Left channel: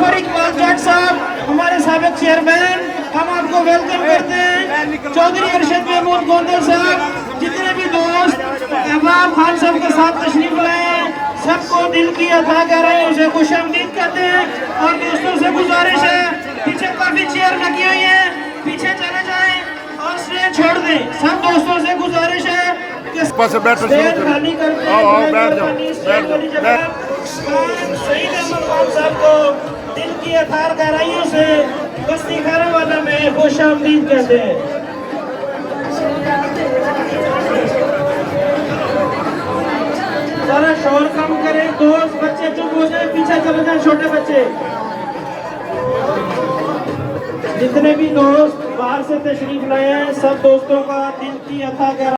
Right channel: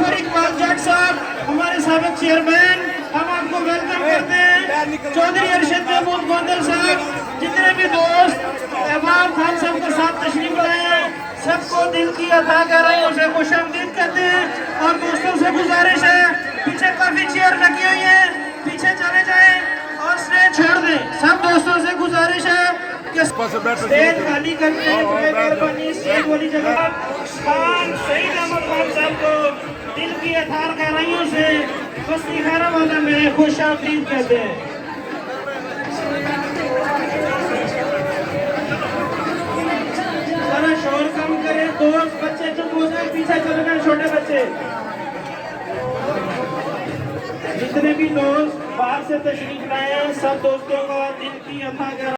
फरीद कागजाट साहब हमारे साबिक चेयरमैन, हम आपको वेलकम करते हैं। चौधरी अरशद महमूद गोंदल साहब, जितने भी दोस्त अहबाब खान साहब के साथ तशरीफ लाए हैं, सबको दिल की अता कर रहे हैं, उसे खुशामदीद कहते हैं। और दोस्तों से गुजारिश है, पीछे काफी चेयर लगी हुई है, पीछे चले जाएं और स्टेज छोड़ दें। सब दोस्तों से गुजारिश है कि स्टेज खाली करते हैं, स्टेज वाली जगह सईद अहमद खान साहब को दिल की अथार गहराइयों से बस्ती खैराबाद में खुशामदीद कहते हैं। जरा शोर कम करें, दोस्त बच्चे चुप हो जाए, पीछे चले जाए छोटे बच्चे। जितने भी दोस्त बाहर से तशरीफ लाए हैं, सब दोस्तों का दिल की अथा